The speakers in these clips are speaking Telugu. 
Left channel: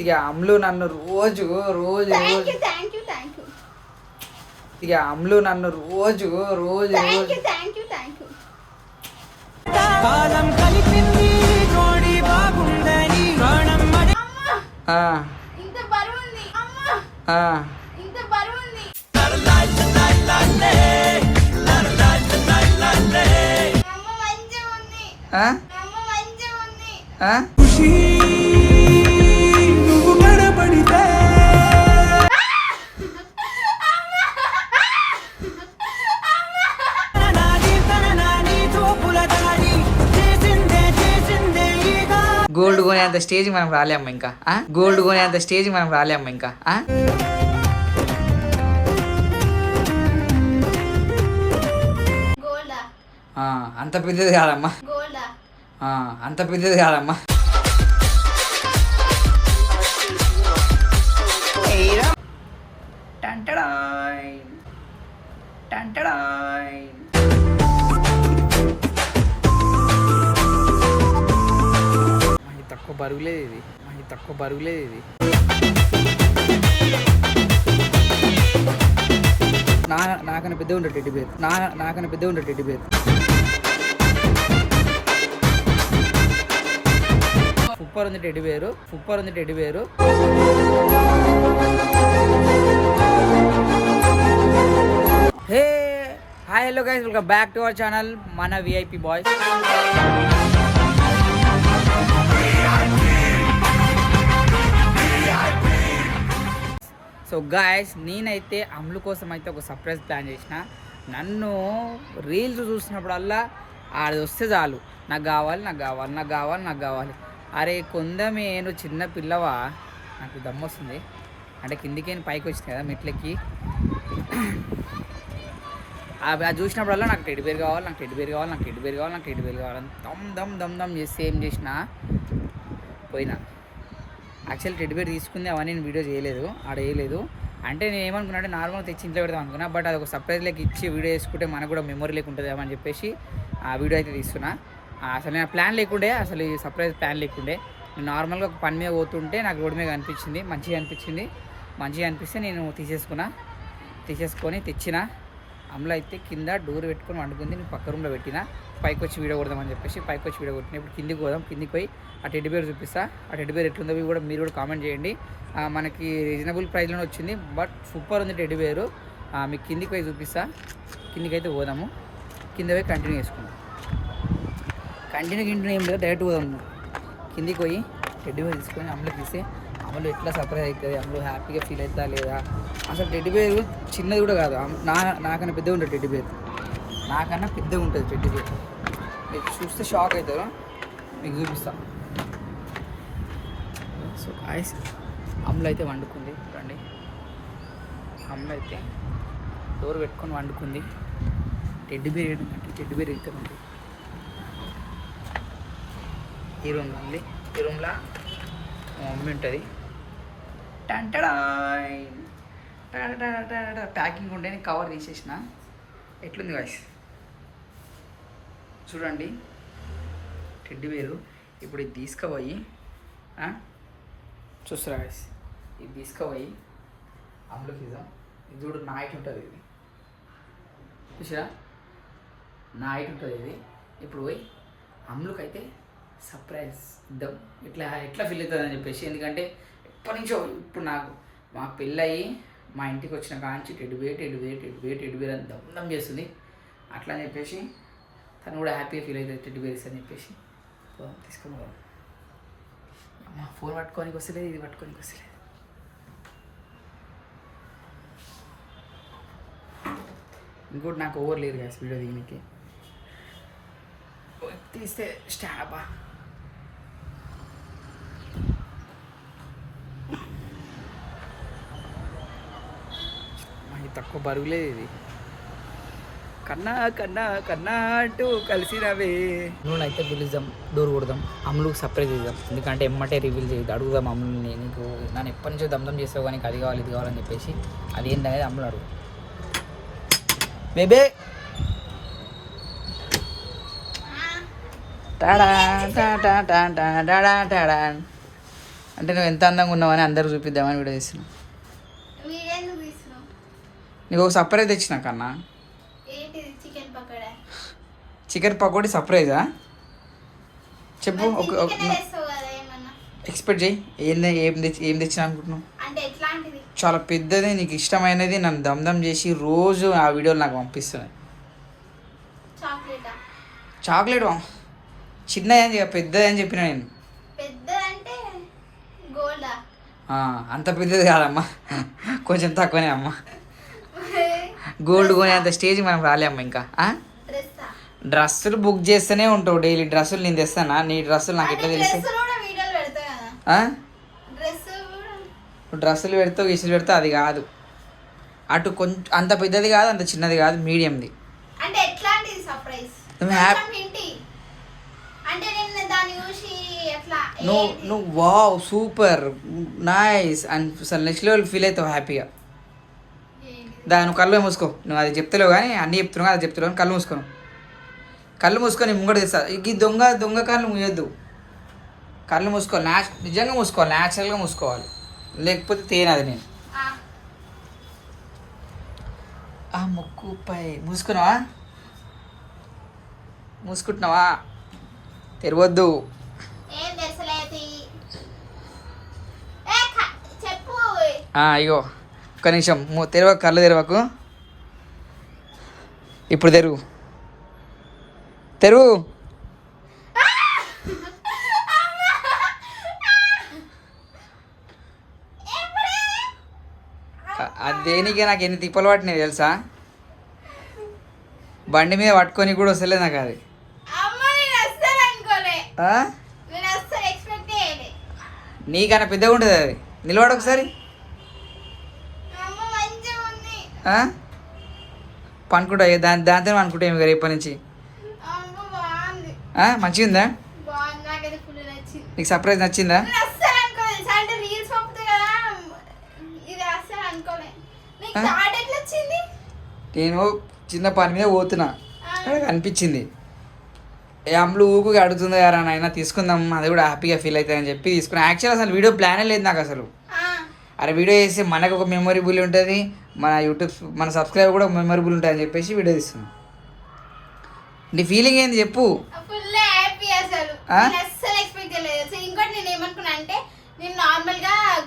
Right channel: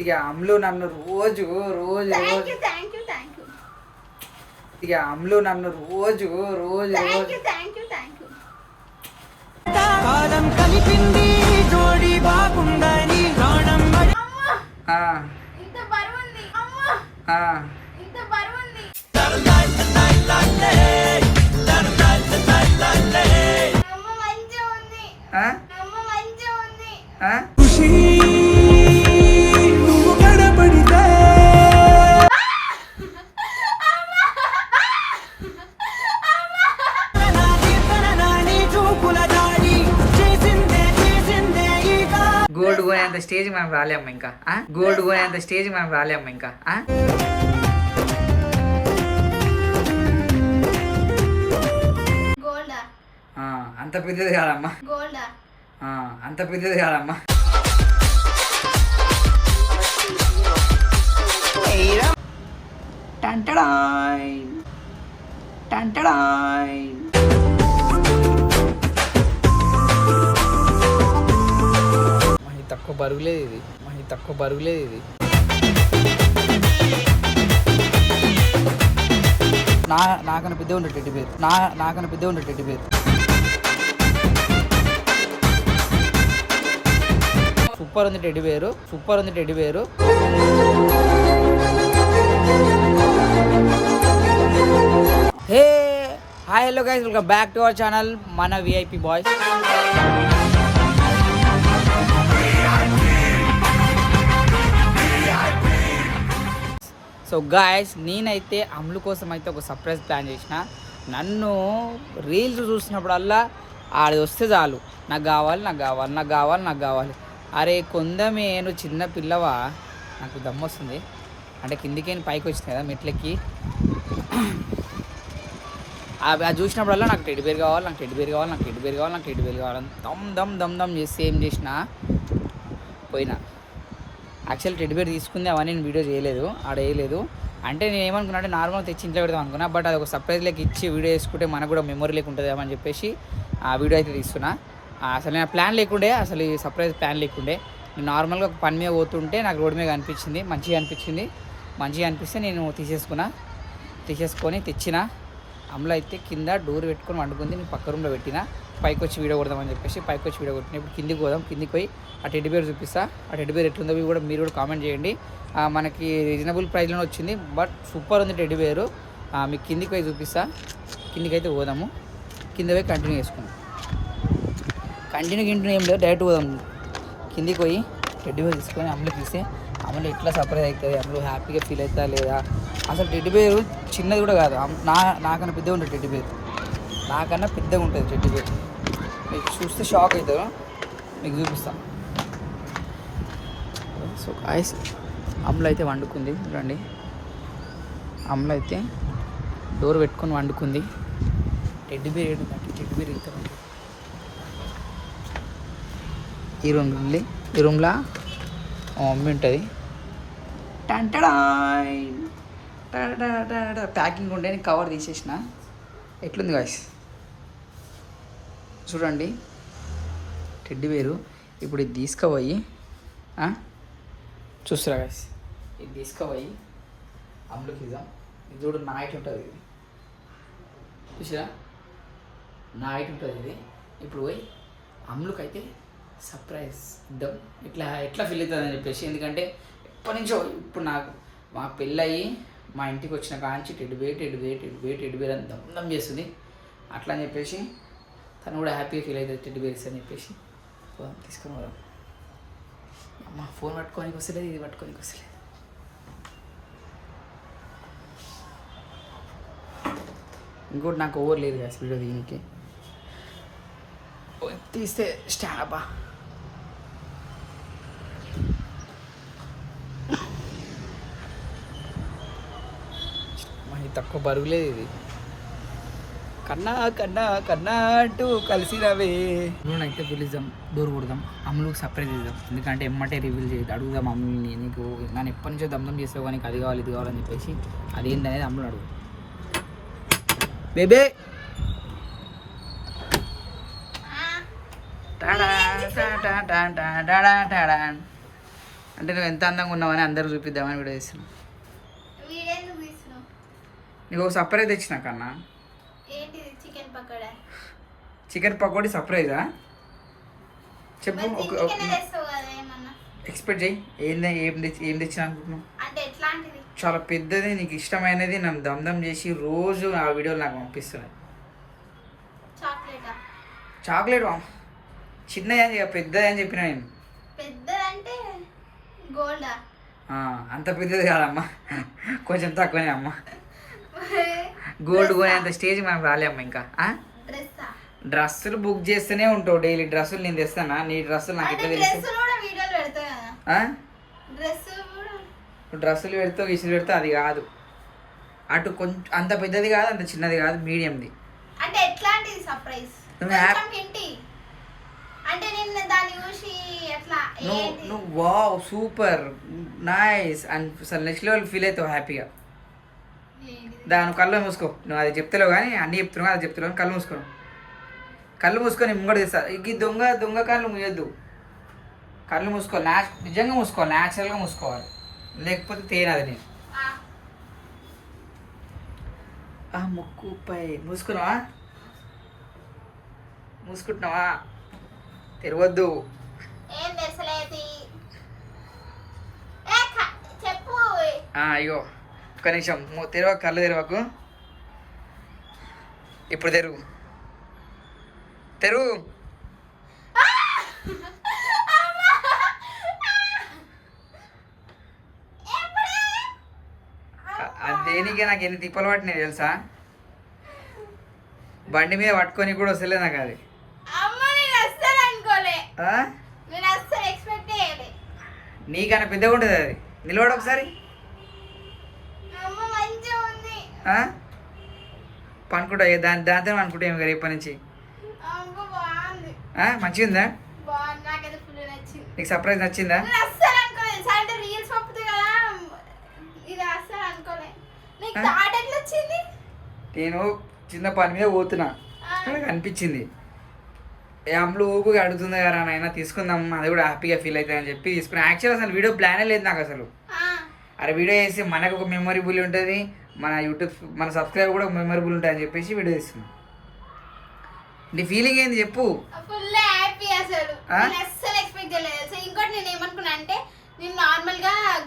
ఇక అమ్ములు నన్ను రోజు రోజు రోజు ఇక అమ్ములు నన్ను రోజు రోజు రోజు ఖుషి నువ్వు కనబడితే గోల్డ్ కొనేంత స్టేజ్ మనం రాలేమ్మ ఇంకా గోల్డ్ కొనేంత స్టేజ్ మనం రాలేమ్మ ఇంకా అంత పెద్దది కాదమ్మా అంత పెద్దది కాదమ్మా టంటడాయ్ టంటడాయ్ తక్కువ బరుగులేదు ఇది తక్కువ బరుగులేదు ఇది నాకన్నా పెద్ద ఉండే టెడ్డి బేర్ నాకన్నా పెద్ద ఉండే టెడ్డి బేర్ సూపర్ ఉంది టెడ్డి బేరు సూపర్ ఉంది teddy bear hey hi hello guys welcome back to our channel మన విఐపి బాయ్స్ సో గాయస్ నేనైతే అమ్ములు కోసం అయితే ఒక సర్ప్రైజ్ ప్లాన్ చేసిన నన్ను రీల్స్ చూసినప్పుడల్లా ఆడి వస్తే చాలు నాకు కావాలి నాకు కావాలి నాకు కావాలి నాకు కావాలి అరే కొందమే నువ్వు చిన్న పిల్లవా నాకు దమ్ము వస్తుంది అంటే కిందికి పైకి వచ్చినాయి కదా మెట్లకి అది చూసినప్పుడల్లా నాకు టెడ్డి బేర్ కావాలి నాకు టెడ్డి బేర్ కావాలి నాకు టెడ్డి బేర్ కావాలి నాకు టెడ్డి బేర్ కావాలి దమ్ దమ్ దమ్ దమ్ చేసి ఏం చేసిన పోయినా యాక్చువల్ టెడ్డి బేర్ తీసుకుంది అవన్నీ నేను వీడియో చేయలేదు ఆడ వేయలేదు అంటే నేను ఏమనుకున్నా అంటే నార్మల్ తెచ్చి ఇంట్లో పెడదాం అనుకున్నా బట్ అది ఒక సర్ప్రైజ్ లెక్క ఇచ్చి వీడియో వేసుకుంటే మనకు కూడా మెమొరీ లేక ఉంటుంది అని చెప్పేసి ఆ వీడియో అయితే తీస్తున్నా అసలు నేను ప్లాన్ లేకుండే అసలు ఈ సర్ప్రైజ్ ప్లాన్ లేకుండే నేను నార్మల్గా ఒక పని మీద పోతుంటే నాకు రోడ్డు మీద అనిపించింది మంచిగా అనిపిస్తే నేను తీసేసుకొని తెచ్చిన అమ్ములు అయితే కింద డోర్ పెట్టుకొని వండుకుంది నేను పక్క రూమ్లో పెట్టిన పైకి వచ్చి వీడియో కొడదామని చెప్పేసి పైకి వచ్చి వీడియో కొట్టిన ఇప్పుడు కిందికి పోదాం కిందికి పోయి ఆ టెడ్డి బేర్ చూపిస్తా ఆ టెడ్డి బేర్ ఎట్లుందో కూడా మీరు కూడా కామెంట్ చేయండి మనకి రీజనబుల్ ప్రైస్లోనే వచ్చింది బట్ సూపర్ ఉంది టెడ్డి బేరు మీకు కిందికి పోయి చూపిస్తా కిందికి అయితే పోదాము కింద పోయి కంటిన్యూ చేసుకుందాం కంటిన్యూ ఏం లేదు డైరెక్ట్ పోదాం కిందికి పోయి టెడ్డి బేర్ తీసుకొని అమ్ములు తీస్తే అమ్ములు ఎట్లా సర్ప్రైజ్ అవుతుంది అమ్ములు హ్యాపీగా ఫీల్ అవుతా లేదా అసలు టెడ్డి బేర్ చిన్నది కూడా కాదు నాకన్నా పెద్దగా ఉంటుంది టెడ్డి బేర్ నాకన్నా పెద్దగా ఉంటుంది టెడ్డి బేర్ మీకు చూస్తే షాక్ అవుతారు మీకు చూపిస్తా సో గాయ్స్ అమ్ములు అయితే వండుకుంది చూడండి అమ్ములు అయితే డోర్ పెట్టుకొని వండుకుంది టెడ్డి బేర్ ఏంటంటే టెడ్డి బేర్ వెళ్తుందండి ఈ రూమ్లో మమ్మీ ఉంటుంది టంటడాయ్ ప్యాకింగ్ ఉండే నేను కవర్ తీసేసిన ఎట్లుంది గాయ్స్ చూడండి టెడ్డి బేరు ఇప్పుడు ఇది తీసుకుపోయి చూస్తారా గాయ్స్ ఇది తీసుకుపోయి అమ్ములకి ఇద్దాం ఇది చూడు నా హైట్ ఉంటుంది ఇది చూసిరా నా హైట్ ఉంటుంది ఇది ఇప్పుడు పోయి అమ్ములకి అయితే సర్ప్రైజ్ ఇద్దాం ఎట్లా ఫీల్ అవుతుందని చెప్పేసి ఎందుకంటే ఎప్పటి నుంచో ఇప్పుడు నాకు మా పెళ్ళయి మా ఇంటికి వచ్చిన కాంచి టెడ్డి బేర్ అని దమ్ చేస్తుంది అట్లా అని చెప్పేసి తను కూడా హ్యాపీగా ఫీల్ అవుతుంది టెడ్డి బేర్స్ అని చెప్పేసి తీసుకొని పోదాం అమ్మ ఫోన్ పట్టుకోనికి వస్తలేదు ఇది పట్టుకోనికి వస్తలేదు ఇంకోటి నాకు ఓవర్ లేదు కదా వీడియో దీనికి తీస్తే స్టాబా తక్కువ బరుగులేదు ఇది కన్నా కన్నా కన్నా అంటూ కలిసినవే నువ్వు అయితే పిలుద్దాం డోర్ కొడదాం అమ్ములకు సర్ప్రైజ్ ఇద్దాం ఎందుకంటే ఎమ్మటే రివీల్ చేయదు అడుగుదాం అమ్ముని నీకు నన్ను ఎప్పటి నుంచో దమ్దం చేస్తావు కానీ అది కావాలి ఇది కావాలని చెప్పేసి అది ఏంటనేది అమ్ములు అడుగు బేబే అంటే నువ్వు ఎంత అందంగా ఉన్నావని అందరూ చూపిద్దామని వీడియో చేస్తున్నావు. నీకు ఒక సర్ప్రైజ్ తెచ్చిన కన్నా. చికెన్ పకోడీ సర్ప్రైజా? చెప్పు. ఎక్స్పెక్ట్ చేయి. ఏం తెచ్చిన అనుకుంటున్నావు? చాలా పెద్దది, నీకు ఇష్టమైనది, నన్ను దమ్ చేసి రోజు ఆ వీడియోలు నాకు పంపిస్తున్నాయి. చాక్లెట్ చిన్నది అని పెద్దది అని చెప్పిన నేను. అంత పెద్దది కాదమ్మా, కొంచెం తక్కువనే అమ్మా. గోల్డ్ కొనే అంత స్టేజ్ మనం రాలే అమ్మ. ఇంకా డ్రెస్సులు బుక్ చేస్తూనే ఉంటావు డైలీ. డ్రెస్సులు నేను తెస్తానా? నీ డ్రెస్సులు నాకు ఎట్లా తెలుసు? డ్రెస్సులు పెడతావు, గిసులు పెడతావు, అది కాదు. అటు కొంచెం అంత పెద్దది కాదు, అంత చిన్నది కాదు, మీడియంది. నువ్వు వావ్ సూపర్ నైస్ అండ్ అసలు నెక్స్ట్ లెవెల్ ఫీల్ అవుతావు హ్యాపీగా. దాని కళ్ళు మూసుకో. నువ్వు అది చెప్తలేవు కానీ అన్నీ చెప్తున్నావు, అది చెప్తున్నావు. కళ్ళు మూసుకోను, కళ్ళు మూసుకొని ముంగడ తెస్తా. ఈ దొంగ కళ్ళు మూయొద్దు. కళ్ళు మూసుకోవాలి, నిజంగా మూసుకోవాలి, న్యాచురల్గా మూసుకోవాలి, లేకపోతే తేనది. నేను ఆ ముక్కుపై మూసుకున్నావా? మూసుకుంటున్నావా? తెరవద్దు. అయ్యో ఒక్క నిమిషం తెరవ, కళ్ళు తెరవకు. ఇప్పుడు తెరువు. దేనికే నాకు ఎన్ని తిప్పలు పట్టినాయి తెలుసా? బండి మీద పట్టుకొని కూడా వస్తలేదు నాకు అది. నీకన్నా పెద్దగా ఉంటుంది అది. నిలబడ ఒకసారి. పనుకుంటా దాంతో అనుకుంటా ఏమి రేపటి నుంచి. మంచిగా ఉందా? నీకు సర్ప్రైజ్ నచ్చిందా? నేను చిన్న పని మీద పోతున్నా, అక్కడ అనిపించింది. ఏ అమ్ములు ఊకు అడుగుతుందా యారా నాయన తీసుకుందాం, అది కూడా హ్యాపీగా ఫీల్ అవుతుంది అని చెప్పి తీసుకున్నా. యాక్చువల్ అసలు వీడియో ప్లానే లేదు నాకు అసలు. అరే వీడియో చేస్తే మనకు ఒక మెమొరబుల్ ఉంటుంది, మన యూట్యూబ్ మన సబ్స్క్రైబర్ కూడా మెమొరబుల్ ఉంటుంది అని చెప్పేసి వీడియో తీస్తున్నా. నీ ఫీలింగ్ ఏంది చెప్పు.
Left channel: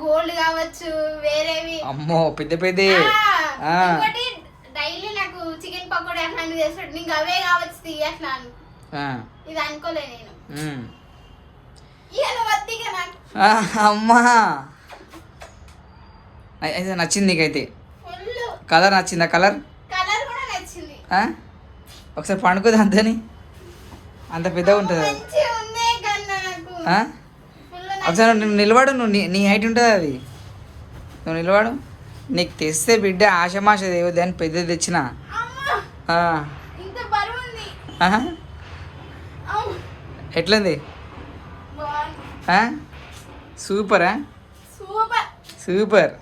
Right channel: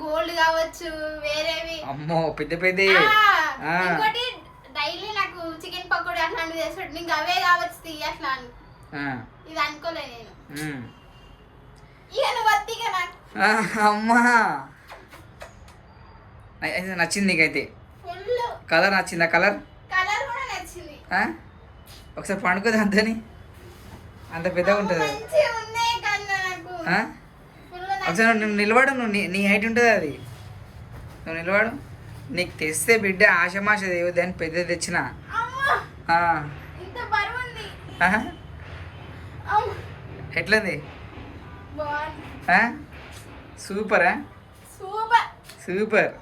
గోల్డ్ కావచ్చు, వేరేవి అమ్మో పెద్ద పెద్ద డైలీ నాకు చికెన్ పకోడీ అట్లాంటివి చేస్తాడు. నీకు అవే కావచ్చు అట్లా అని ఇది అనుకోలే నేను. అమ్మా అయితే నచ్చింది నీకైతే? కలర్ నచ్చిందా? కలర్ కూడా నచ్చింది. ఒకసారి పండుకోదు అంతని, అంత పెద్దగా ఉంటుంది. ఒకసారి నువ్వు నిలబడు, నీ హైట్ ఉంటుంది అది. నువ్వు నిలబడు. నీకు తెస్తే బిడ్డ ఆశమాష దేవది అని పెద్దది తెచ్చిన. ఎట్లుంది? సూపరా? సూపర్.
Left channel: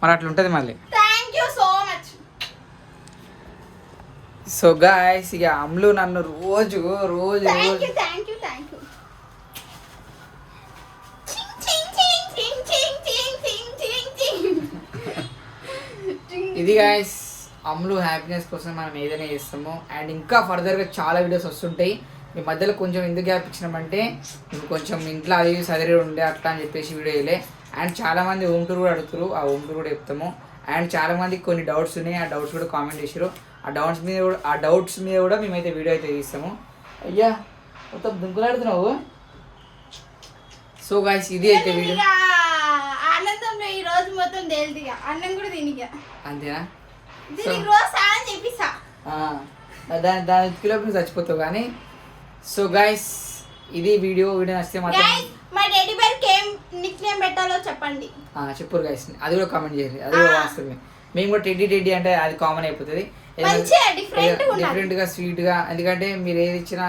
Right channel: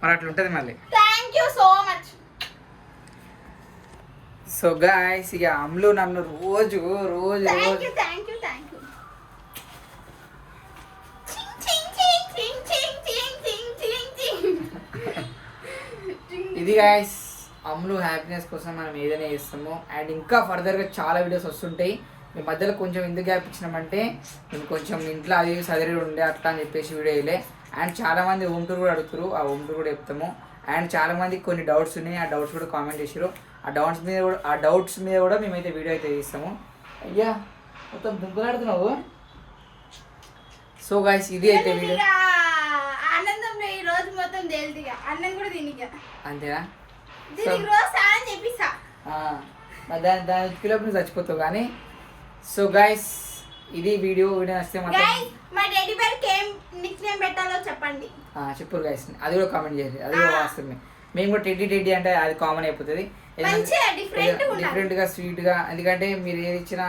మరి అట్లా ఉంటుంది మళ్ళీ. సో గాయ్స్ ఇక అమ్ములు నన్ను రోజు ఇది గాయస్ అమ్ములు హ్యాపీనెస్ కోసం మనం ఏదైనా చేస్తాము. అండ్ ఇంకా ఫర్దర్గా చాలా వీడియోస్ వస్తుంటాయి. మీ మధ్యలో కొంచెం ఎందుకు గ్యాప్ ఇచ్చినామంటే మేము కొంచెం ఇంట్లో అది సదరి ఉండే అట్లా అని చెప్పేసి వీడియో వేయలే. అండ్ చాలామంది హోమ్ టూర్ కూడా అడుగుతారు, ఆ హోమ్ టూర్ కూడా చెప్తాము. అండ్ చాలామందికి కొన్ని డౌట్స్ ఉన్నాయి, ఆ డౌట్స్ కూడా కామెంట్ చేసారు. ఆ డౌట్స్ మీద కూడా మేమైతే వీడియో అయితే తీస్తాము. అయ్యా మొత్తం దుంకులాడుతున్నావు. సో గాయ్స్ ఇది అయితే వీడియో. ఆనందంలో ఈ రోజు మొత్తం తేలిదిగా అన్నం కూడా తినిగా అంతేనా? దాని ఉత్తిలోపు చచ్చిపోతావు కానీ. సో గైస్ ఇది వీడియో నచ్చితే మాత్రం మా టెడ్డీ బేర్కి ఏం నిక్ నేమ్ పెట్టాలో చెప్పండి. చెప్పరు గైస్, అది కూడా కామెంట్ చేయండి. అది కూడా వాస్తవమే. మేము కూడా టెడ్డీ అంటే అది కామన్ అయిపోతుంది. డిఫరెంట్గా స్వీట్గా. ఎందుకంటే మీరు ఏది ఇచ్చినా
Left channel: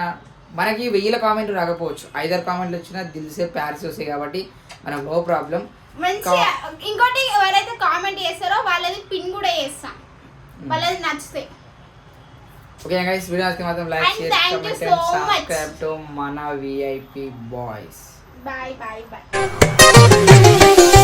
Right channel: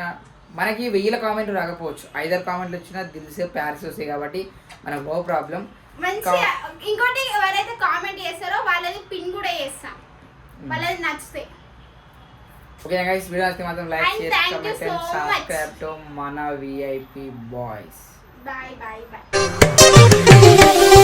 మనకి 1000 కామెంట్లు రాకపోవచ్చు, 5-6 కామెంట్లు వచ్చినా దిల్సే ప్యార్స్ వస్తాయి కాబట్టి మనకు నో ప్రాబ్లం. ఇంకోటి ఎవరైతే కామెంట్ చేస్తారో వాళ్ళది పిన్ కూడా చేస్తాం, వాళ్ళది నచ్చితే. ఓకే గైస్ వీడియో నచ్చితే మాత్రం like, share, comment and subscribe to మన VIP boys. Bye bye bye